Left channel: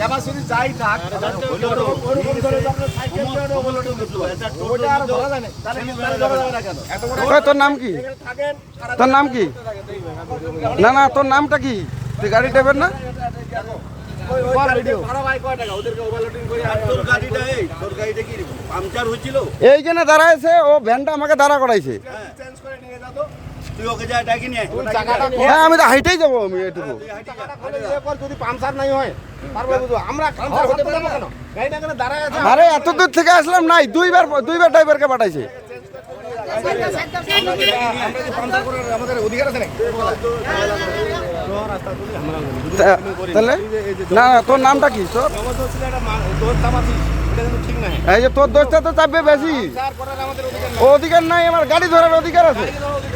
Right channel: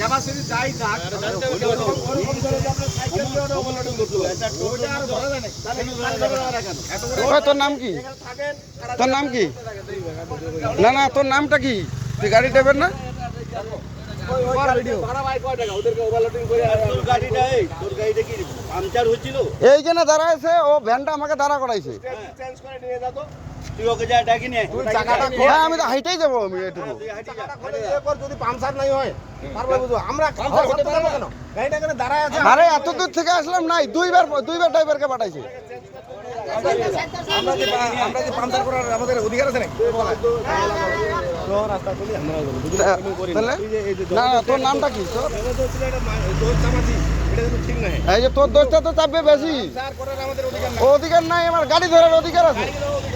Capacity যাই থাক তোর নাম কি? তোর নাম কি? না না, তোর নামটা কি? তুই গাড়ি দেবেন না? এই জন্য দাঁড়াইছে, ও ভ্যানটা আমাকে দাঁড়া করাইছে। হ্যাঁ, আমি তো হাইটেই যাবো। আমি এটুকু যদি পাংচার নাই হয় আমরা কেন দাঁড়ায় আছে? আরে এত দূর থেকে আসলাম নাই, দুইবার ড্রাইভারকে পাঠাইছে। আমরা কি পাংচার করার আমাদের অধিকার আছে নাকি? তাহলে না, তোর নামটা কি? তোর ঠিক নাই। এই যে তোর দোষটা তো চাপবে বেশি। অধিকার নাই, আমার গাড়ি ধরার অধিকার আছে।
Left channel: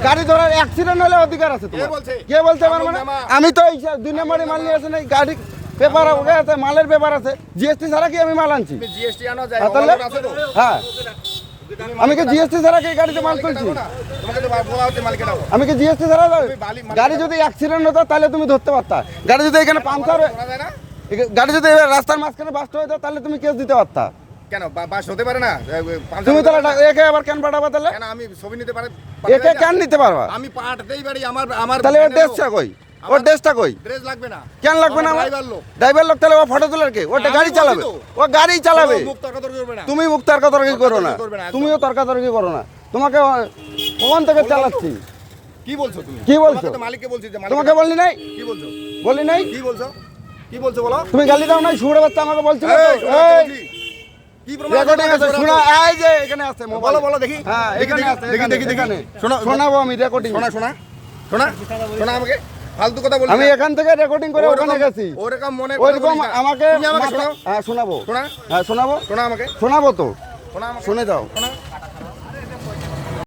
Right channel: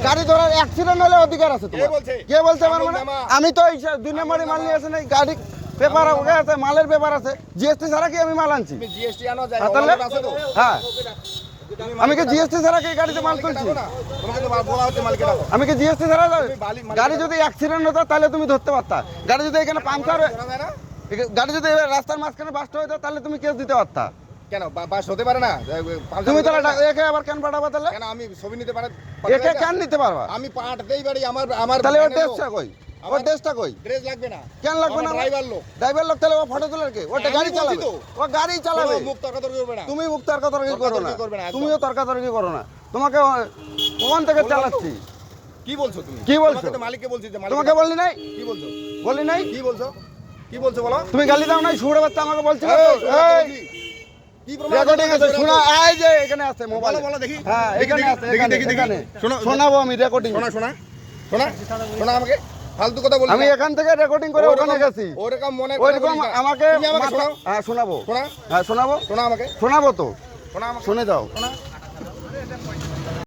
গাড়ি ধরার অ্যাক্সিডেন্ট হলে অধিকার আছে তোমার। কে বলছে আমার? মানে আমি তো 2 নম্বরে মাল নিয়ে আসি নাই। গাড়ি পেপার আছে, মালের পেপার আছে। জিএসটি ছাড়া কি আমি মাল আনছি? জিএসটি আনো যায় আছে তো? হ্যাঁ, আমি কি জিএসটি ছাড়া কি গাড়িতে মাল তুলছি? তোমাকে তো বলা হচ্ছে মালিকে দাও। আমি কি জিএসটি ছাড়া গাড়ি যদি অ্যাক্সিডেন্ট হতো তাহলে তুমি ধরতে পারতা। গাড়ি যদি এখানে পাংচার, গাড়ি যদি রাস্তার মাঝখানে বাস্ট হতো তাহলে তুমি কেস দিতে পারতা। কেন বাস হতে পারে না? তুমি তাহলে একে আবার কেন পাঠাবা? তাহলে কেন আমি ছবি নিতে পারি? একে কেন নিতে পারবা? আমি পাঠাতেই পারি। আমার তাহলে ওর ড্রেসটা কই? ওর ড্রেসটা কই? ড্রেস লাগবে না। কেন লাগবে না? ড্রাইভার লোক। ড্রাইভার লোক তাহলে ও ফটো তোলার কে? ওটা গাড়ি চালাবে। ও গাড়ি চালাবে। মুখ তর্ক করবে না। তুমি মুখ তর্কাতর্কি করো না। তুমিও তর্কাতর্কি করো না। তোমাকে কোন থেকে চালাচ্ছি? কি বলছো তুমি? কি বলছো? তোমাকে তো মালিককে বলছি যে তোমাকে বললি নাই? কি বলছো? বললি নাই? কি বলছো? কি বলছো বলো? তুমি গালি দাও নাই? শুনে বাচ্চা আমাকে বলছিল তো। কি প্রমাণ? রেকর্ডিং আছে, শোনা। এই যে এখানে আছে মোবাইল। বলো দেখি। হ্যাঁ, এখানে আছে, দেখি। এখানে শোনা শোনাবো আমি রেকর্ডিং। শোনা আমাকে ফালতু কথা বলছি। আমি এখান থেকে রেকর্ডিং করে ওখানে গেছি। ওরকম মনে ওইরকম আমাকে তুমি আমাকে শোনাও। হ্যাঁ শোনাবো। শোনা হ্যাঁ শোনাবো। শোনা আমাকে। শোনাবো তো, শোনা আমাকে। শুনে যাও। শোনা।